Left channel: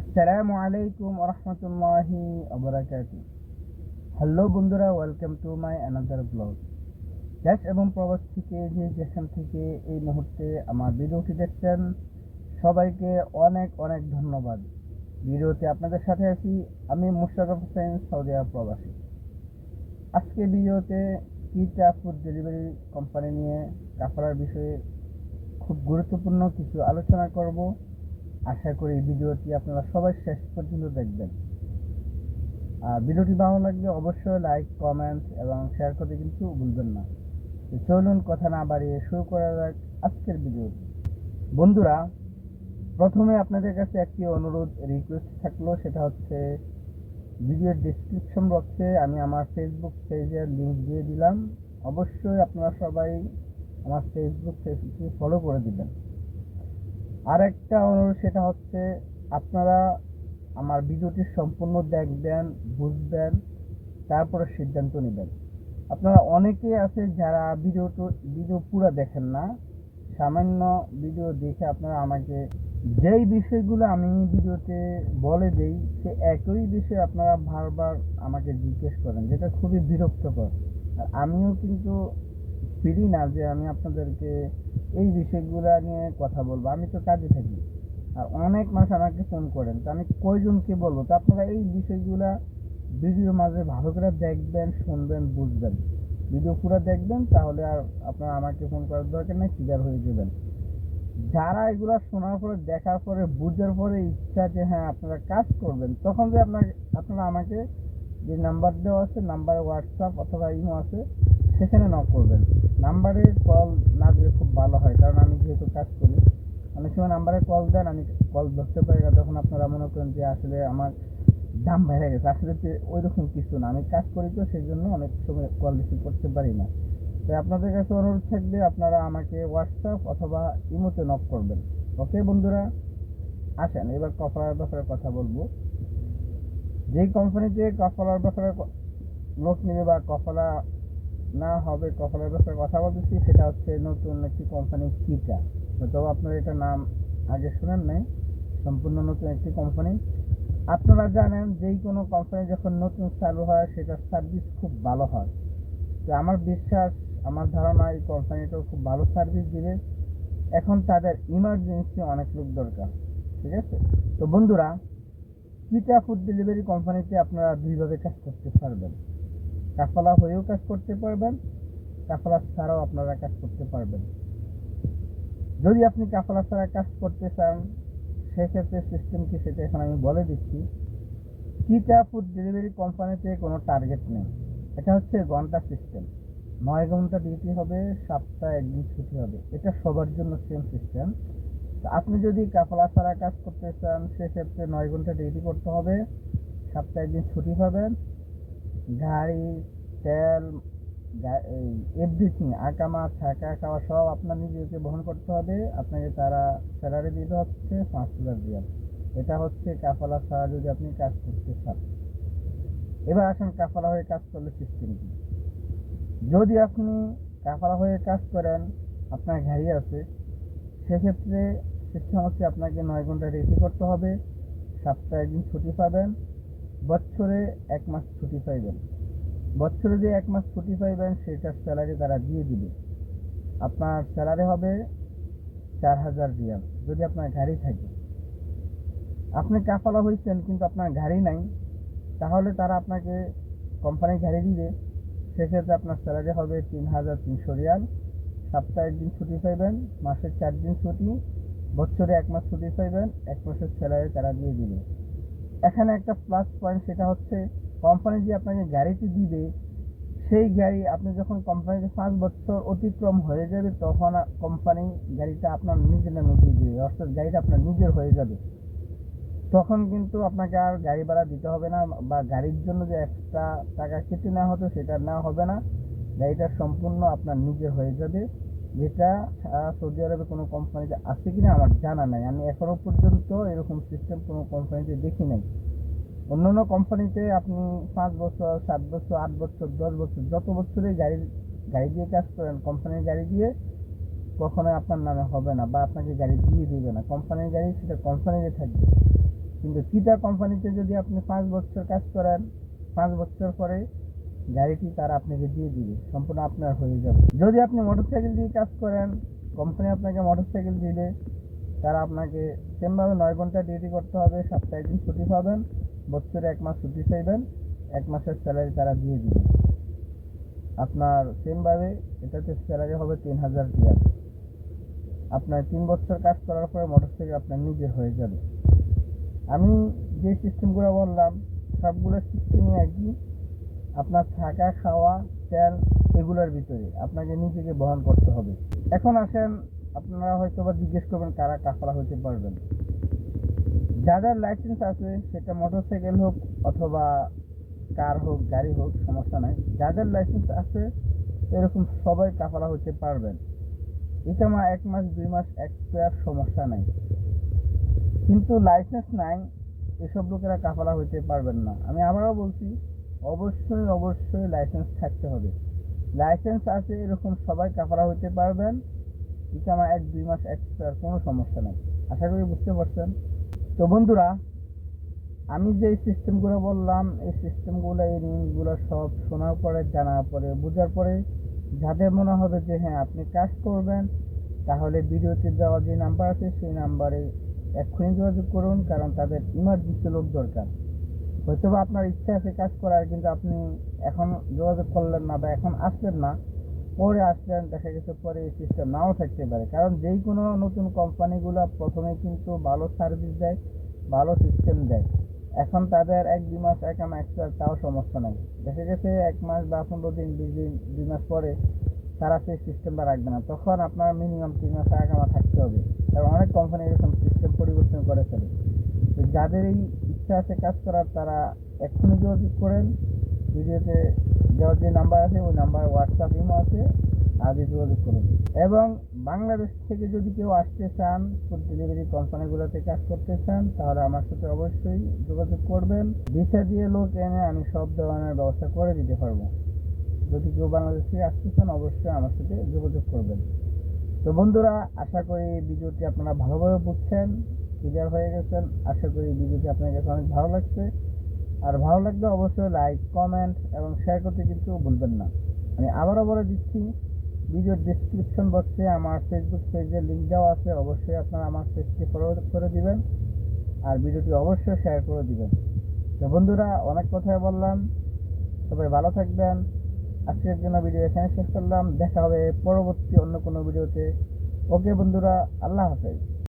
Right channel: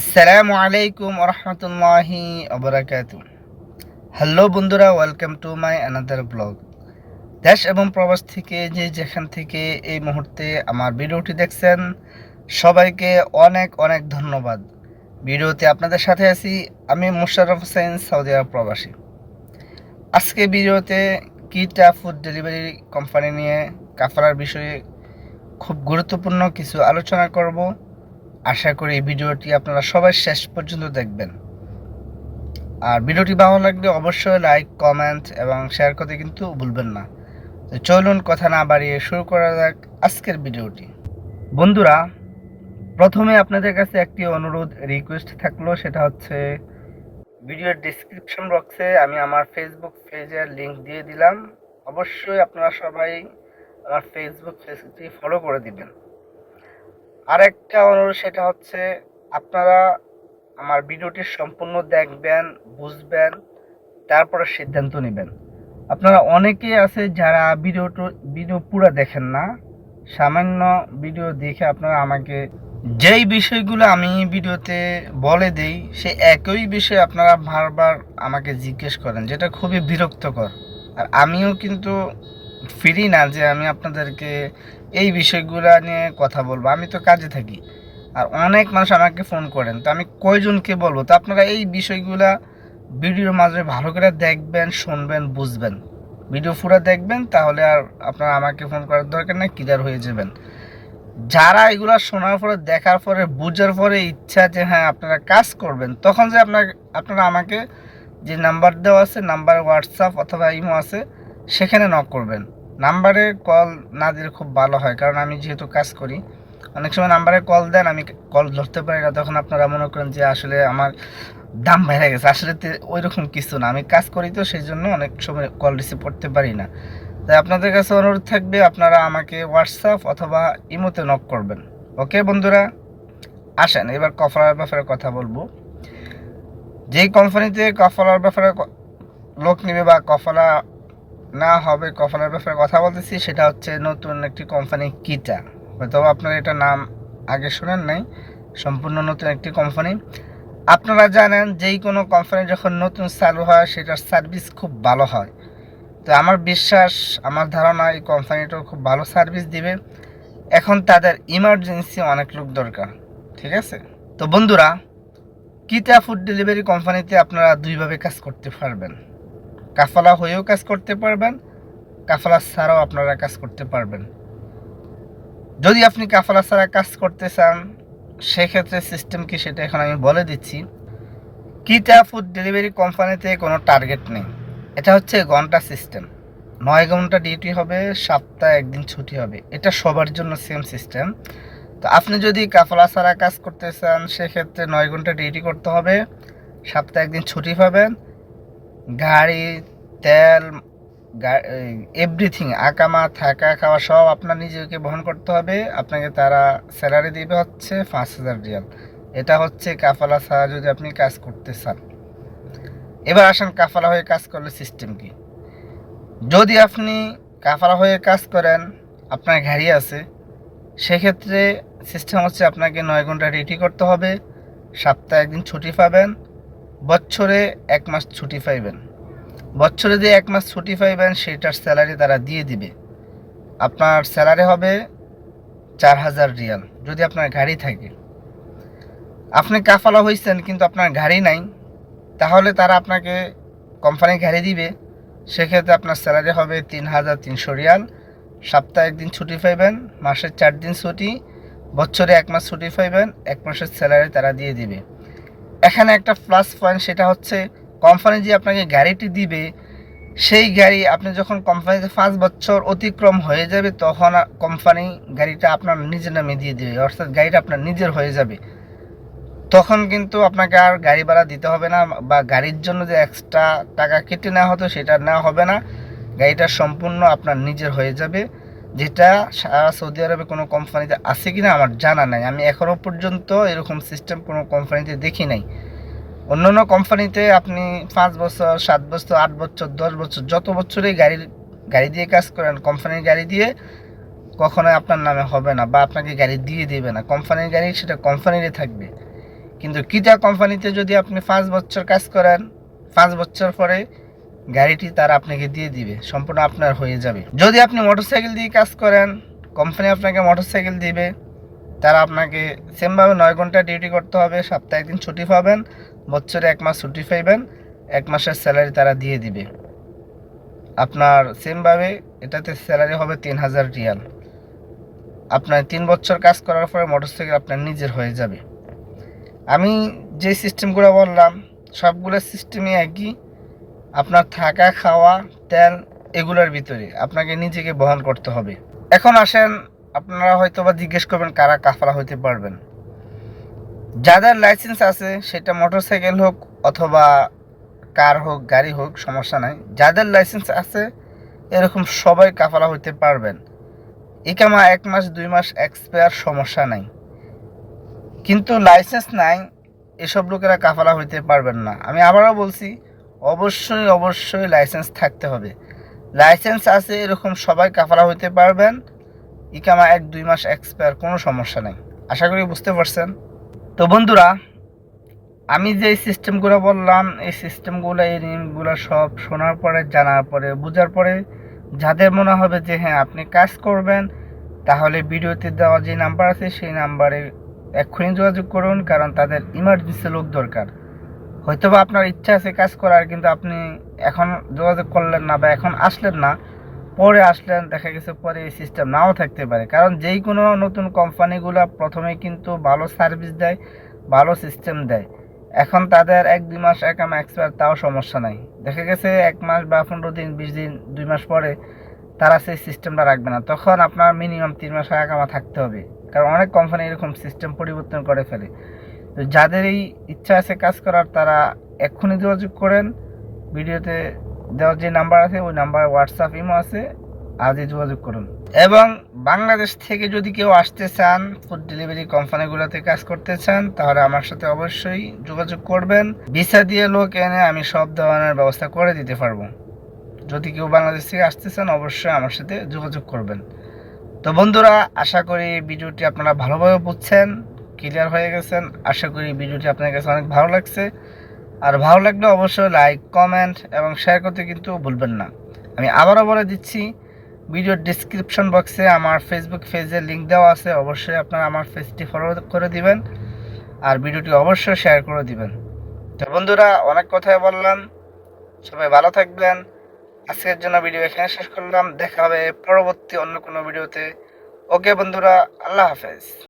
আসসালামু আলাইকুম রহমতুল্লাহি ওবরাকাতু। হ্যালো বন্ধুরা, welcome to my another blog. দেশ এবং প্রবাস থেকে যে যেখান থেকে এই মুহূর্তে আমার ভিডিওটি দেখছেন, সবাইকে অনেক অনেক ধন্যবাদ। ভিডিওতে আপনাদের সাথে আছি আমি মোশাররফ হোসেন, সৌদি আরব প্রবাসী। আজকে ভিডিওতে কিটা ফুড ডেলিভারি কোম্পানি নিয়ে কাফারার বিষয়ে খুব গুরুত্বপূর্ণ কিছু আলোচনা করব। আশা করি এই ভিডিওটি আপনারা সবাই শেষ পর্যন্ত দেখবেন। আর ভিডিওটি ভালো লাগলে অবশ্যই লাইক, কমেন্ট এবং শেয়ার করতে কিন্তু ভুলবেন না। তো চলুন কথা না বাড়িয়ে শুরু করা যাক আজকের ভিডিওটি। বন্ধুরা, প্রথমে আপনাদের কাছে একটি অনুরোধ, রিকোয়েস্ট থাকলো, সেটা হচ্ছে ভিডিওর ডেসক্রিপশন বক্সে আমি আমার ফেসবুক পেজের লিংক দিয়ে দিলাম। অবশ্যই আপনারা সবাই আমার ফেসবুক পেজটি ফলো করে দিবেন। আর একটা অনুরোধ, সেটা হচ্ছে আপনারা আমার ভিডিওটি সম্পূর্ণ দেখবেন, বুঝবেন, তারপরে সিদ্ধান্ত নেবেন। আপনারা অনেকেই আছে যারা ভিডিও পুরো দেখেন না, সামান্য ভিডিও দেখে আপনারা আমাকে যেই বিষয়গুলো আমি ভিডিওতে বলে দেই সে একই বিষয় আপনারা বারবার আমাকে জিজ্ঞেস করেন, যেটা খুবই বিরক্তকর। আর আমিও কিন্তু ফ্রি না যে আমি আপনাদেরকে এই বিষয়গুলো নিয়ে কথা বলবো, আমি তো কাজে থাকি। আর অনেক মানুষ আমাকে ফোন করেন, তো আমি কয়জনকে বলবো? তো আপনারা এই বিষয়গুলা ভিডিওর মাঝে ভালো করে দেখবেন, শুনবেন, বুঝবেন। ভিডিও পুরো দেখবেন, তাহলে আর আপনারা আমাকে ফোন করার দরকার নেই, ক্লিয়ার হয়ে যাবেন। যারা এগুলো শোনার পরে, দেখার পরে, বুঝার পরে ইচ্ছা যে হ্যাঁ আপনারা কাজ করবেন, তখন যে আপনারা আমাকে যে নাম্বার দেওয়া আছে, নাম্বারে হোয়াটসঅ্যাপ অথবা ইমো আছে, সেখানে নক করবেন। নাম্বারে কল না দিলে খুব ভালো হয়, কারণ আমি যেহেতু কাজ করি, অনেক সময় নাম্বারে কল দেন, আমি কল ধরতে পারি না, তখন আপনারা মনে করেন যে আসলে আমার দাম বেড়ে গেছে। আসলে ওই রকম কিছু না, আমি কাজ করি তো সেই জন্য অনেক সময় কল রিসিভ করতে পারি না। তাই আপনাদের কাছে অনুরোধ থাকবে, আপনারা আমাকে হোয়াটসঅ্যাপ অথবা ইমোতে নক করবেন। ওকে বন্ধুরা, আসেন এবার কফলার ব্যাপারে কথা বলবো। যেই কোম্পানিতে কফলার ব্যাপারে লোক নেবে বা কফলা না হবে, কফলার ব্যাপারে কথা বলতেছি, সেটা হচ্ছে নতুন একটি কোম্পানি কিটা। হয়তো আপনারা এটা নাম আগে শোনেন নাই, সম্পূর্ণ নতুন একটি কোম্পানি। আপনারা জানেন যেই কোনো কোম্পানি যখন নতুন চালু হয় সেটার সার্ভিস খুব ভালো হয়। তো আমার বিশ্বাস, আমার ধারণা এই কোম্পানিটাও খুব ভালো সার্ভিস দিবে। এখন তাদের ইমার্জেন্সি অনেক লোক দরকার, ঠিক আছে? তো বন্ধুরা, কিটা ফুড ডেলিভারি কোম্পানিতে আপনারা দুইভাবে কাজ করতে পারবেন। কাফালা হয়েও কাজ করতে পারবেন, কাফালা ছাড়াও আপনারা কাজ করতে পারবেন। যদি আপনি কাফালা ছাড়া কাজ করতে চান, সেক্ষেত্রে সিস্টেম কি সেটা এখন আমি বলে দিচ্ছি। কিটা ফুড ডেলিভারি কোম্পানিতে কোনো টার্গেট নেই, এটা হচ্ছে ঘন্টা সিস্টেম। 9 ঘন্টা ডিউটি হবে, সপ্তাহে একদিন ছুটি হবে, এটা সবার জন্য সেম সিস্টেম। তো আপনি যদি কাফলা ছাড়া কাজ করতে চান, সেক্ষেত্রে 9 ঘন্টা ডিউটি করতে হবে, সপ্তাহে একদিন ছুটি পাবেন। গাড়ি, তেল, এভরিথিং, আকামা, থাকা, খাওয়া সব আপনার নিজেকে বহন করতে হবে। আপনাকে তারা স্যালারি দিবে হচ্ছে 5,000 রিয়াল। এটা হচ্ছে কাফালা ছাড়া যদি আপনি কাজ করতে চান। এবার আসেন কাফালা হয়ে কাজ করলে সিস্টেম কি। যদি আপনি কাফালা হয়ে কাজ করেন, আপনার গাড়ি আছে, সেক্ষেত্রে সিস্টেম হচ্ছে আপনাকে 9 ঘন্টা ডিউটি করতে হবে, সপ্তাহে একদিন ছুটি পাবেন, বছরে 1 মাস ছুটি পাইবেন। বছরে যে 1 মাস ছুটি পাইবেন সেটার স্যালারি তারা দিয়ে দিবে। আপনার স্যালারি হবে 4,000 রিয়াল যদি আপনার গাড়ি থাকে। আপনি কাফালা হয়েছেন কিন্তু আপনার গাড়ি নাই, তাহলে তারা আপনাকে কোম্পানি গাড়ি দিবে। সেক্ষেত্রে আপনার স্যালারি হবে 3,300 রিয়াল। সপ্তাহে একদিন ছুটি পাইবেন, মাসে 4 দিন ছুটি, বছরে 1 মাস ছুটি পাইবেন, 1 মাসের স্যালারি তারা দিয়ে দিবে। এখানে একটা প্লাস পয়েন্ট, সেটা হচ্ছে কোম্পানি যে আপনাকে গাড়িটি দিবে, সেই গাড়ি আপনি যখন কোম্পানিতে 5 বছর অতিক্রম হয়ে যাবে, তখন কোম্পানি গাড়িটা আপনার নিজের নামে দিয়ে দেবে, অর্থাৎ গাড়িটা আপনার নিজের হয়ে যাবে। তখন কিন্তু আপনাকে আর গাড়ি ভাড়া দিতে হবে না, বা গাড়ির জন্য যে এক্সট্রা টাকা কেটে নেওয়া হতো সেটা নেওয়া হবে না। গাড়িটা সম্পূর্ণ আপনার নিজের হয়ে যাবে, যেটা সারা সৌদি আরবে কোনো কোম্পানিতে আছে কিনা আমার জানা নাই। আমি এখনও পর্যন্ত এরকম সিস্টেম কোনো কোম্পানিতে দেখি নাই। অন্যান্য কোম্পানিতে আপনি 5 বছর, 7 বছর, 8 বছর, 10 বছর, যত বছরেই গাড়ি দিয়ে কাজ করেন, কোম্পানির গাড়ি দিয়ে কখনোই আপনার নামে হবে না, বা আপনাকে গাড়ি দিয়ে দেবে না। কোম্পানির গাড়ি সেটা কোম্পানিরই থাকবে। কিন্তু কিটা কোম্পানিতে যদি আপনি 5 বছর কাজ করেন, 5 বছর পরে গাড়িটি তারা আপনাকে দিয়ে দিবে, সম্পূর্ণ আপনার হয়ে যাবে। যদি আপনি মোটরসাইকেল দিয়ে কাজ করেন, কোম্পানি আপনাকে মোটরসাইকেল দিবে, তারা আপনাকে সেমভাবে 9 ঘন্টা ডিউটি করতে হবে, সপ্তাহে 1 দিন ছুটি পাবেন, বছরে 1 মাস ছুটি পাইবেন, 1 মাসের স্যালারি তারা দিয়ে দিবে আপনার। সেমভাবে এটাতে স্যালারি হবে 3000 রিয়াল। আপনার 3 বছর কাজ করার পরে মোটরসাইকেল আপনার নিজের হয়ে যাবে। আমি যে সিস্টেমগুলো বললাম সবগুলো সিস্টেমই একই। আপনার থাকা, খাওয়া, তেল এগুলোর ভিতরে আপনাকে নিজেকে বহন করতে হবে। এখন আসেন, আপনারা হয়তো বা জিজ্ঞেস করবেন কারা কাফালা হইতে পারবেন। যাদের লাইসেন্স আছে, সেটা মোটরসাইকেল হোক অথবা কার হোক, গাড়ি হোক, সমস্যা নাই। যাদের লাইসেন্স আছে এরকম সবাই কাফালা হইতে পারবেন। ইকামা 1 মাস 2 মাস এক্সপায়ার, সমস্যা নাই। কিন্তু লাইসেন্স নাই এসব লোকেরা কাফালা হইতে পারবেন না। আমি আবারও বলছি, অবশ্যই লাইসেন্স থাকতে হবে। লাইসেন্স আছে এরকম সবাই কাফালা হইতে পারবেন। ইকামা 1-2 মাস এক্সপায়ার, কোনো সমস্যা নাই। আশা করি বুঝতে পারছেন। তো বন্ধুরা, আমি যে সিস্টেমগুলো বললাম, এই সিস্টেমগুলো, এই নিয়মগুলো সব শোনার পরে, জানার পরে, বোঝার পরে যাদের মনে হবে যে হ্যাঁ আপনি কাজ করবেন, তাহলে ভিডিওতে দেওয়া যে নাম্বার আছে সেই নাম্বারে এক্ষুনি যোগাযোগ করুন। কারণ তাদের ইমার্জেন্সি লোক দরকার। হয়তোবা আপনার ইচ্ছা আছে কাজ করার, কিন্তু আপনি এখন যোগাযোগ করলেন না বা এখন আসলেন না, পরে আসলেন, দেখা গেছে পরে এই সিস্টেম নাও থাকতে পারে। কারণ যেই কোনো নতুন কোম্পানিগুলো প্রথমে কিন্তু ভালো সার্ভিস দেয়, ভালো সিস্টেম দেয়। এখন তাদের 1-2 মাস একামা এক্সপায়ার, তাও সমস্যা নাই। দেখা গেছে 1 মাস বা 15 দিন, 20 দিন, 2 মাস পরে তারা সেই সিস্টেমটা রাখবে না। তখন আপনার মিনিমাম 3 মাস একামা থাকতে হবে। কারণ অনেক কোম্পানি এরকম সিস্টেম পরিবর্তন করে ফেলে। তো যাদের এই ইচ্ছা আছে কাজ করার, তারা এক্ষুনি যোগাযোগ করেন। ভিডিওতে দেওয়ার যে নাম্বার আছে ওই নাম্বার হোয়াটসঅ্যাপ, ইমো আছে, আজই যোগাযোগ করুন। এবং বাংলাদেশ থেকে যদি কেউ আসতে চান, ফুড ডেলিভারি কোম্পানিগুলোতে কাজ করতে চান, তাহলে আমার সাথে অবশ্যই যোগাযোগ করবেন। ভিসা দিয়ে লোক এনে আমি সব ধরনের ব্যবস্থা করে দিতে পারবো। যদি কেউ বাংলাদেশ থেকে আসতে চান, অবশ্যই আমার সাথে যোগাযোগ করবেন। তো বন্ধুরা, আশা করি ভিডিওটি আপনারা ভালোভাবে বুঝছেন, ক্লিয়ার হয়ে গেছেন। আশা করি ভিডিওটি আপনার কাছে অনেক ভালো লাগছে। আর ভালো লাগলে অবশ্যই লাইক, কমেন্ট এবং শেয়ার করতে কিন্তু ভুলবেন না। আমি আবারও বলে দিচ্ছি, ভিডিওর ডিসক্রিপশন বক্সে আমার ফেসবুক পেজের লিঙ্ক দেওয়া আছে। অবশ্যই আপনারা আমার পেজটি ফলো করে দিবেন আর ভিডিওটি অবশ্যই শেয়ার করে দিবেন। তো বন্ধুরা, অনেক কথাই বললাম, সবাই ভালো থাকবেন। আজকের জন্য ভিডিও এখানে শেষ করলাম। দেখা হবে পরবর্তী অন্য কোনো ভিডিওতে। ওকে বন্ধুরা, আল্লাহ হাফেজ।